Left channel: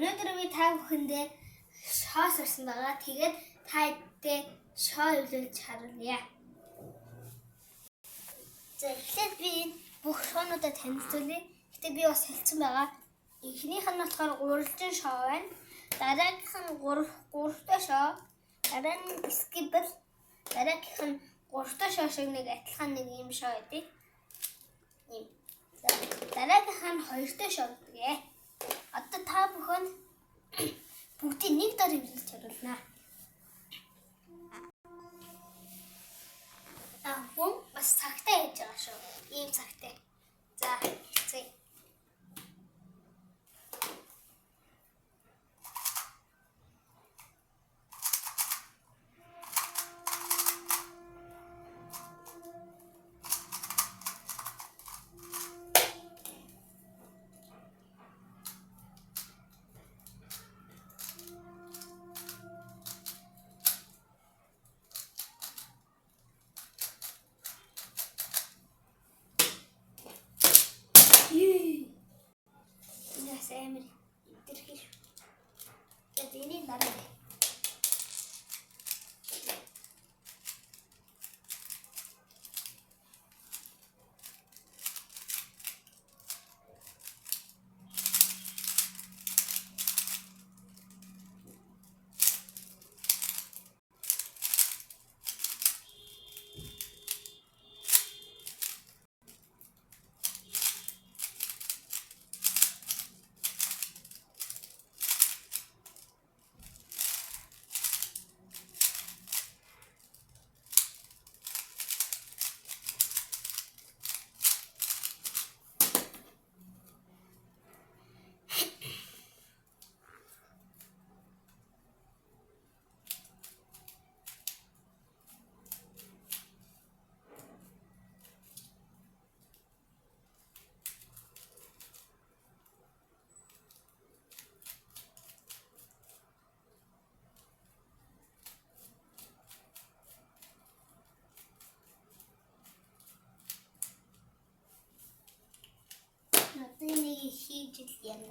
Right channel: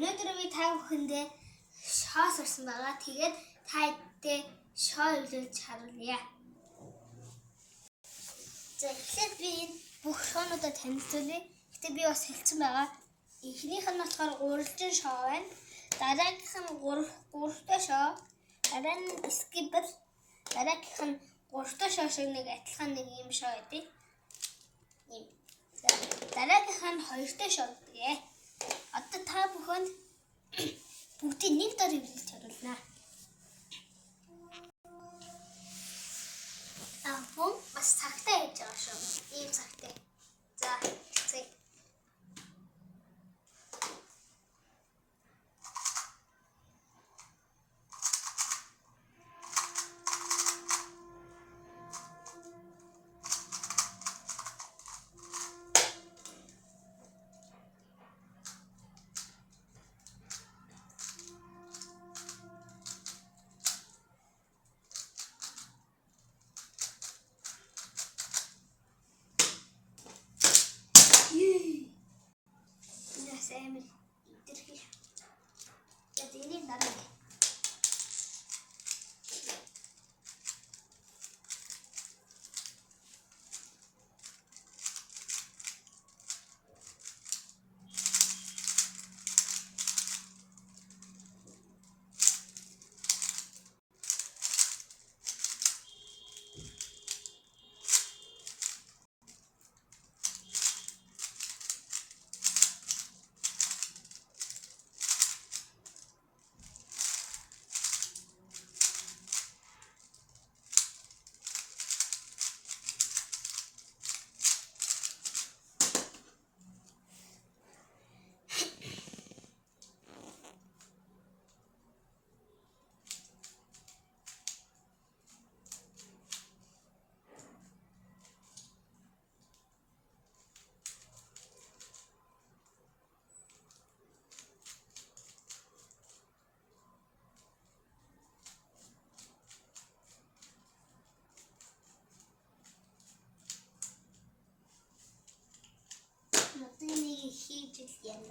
Өнөөдөр би та бүхэндээ шоо сурсан байгаа. Тэгээд та эдгээр шоо өвлөж харуулъя. За эхлээд би бүх шоонуудаа танилцуулъя. Гэтэ би бас хэлсэн байгаа. Эхнийх нь болохоор уралжин шоо байна. Дараагийнх нь гуравтай шоо. Дараа нь скибл. Дараагийнх нь гуравтай шоо шиг нэг адилхан нэг юм шоо байдаг. Ийм. Дараагийнх нь хоёртой шоо гэдэг. Одоо та бүхэнд бүгдийг нэг дор ивлэж харуулнаа. Мөн бас цагтай хийж байгаа шүү. Ийм цагтай. За, зүй. Эмэр идэрхий. Тэгээд энийг дараа. Энийг хийж л юм.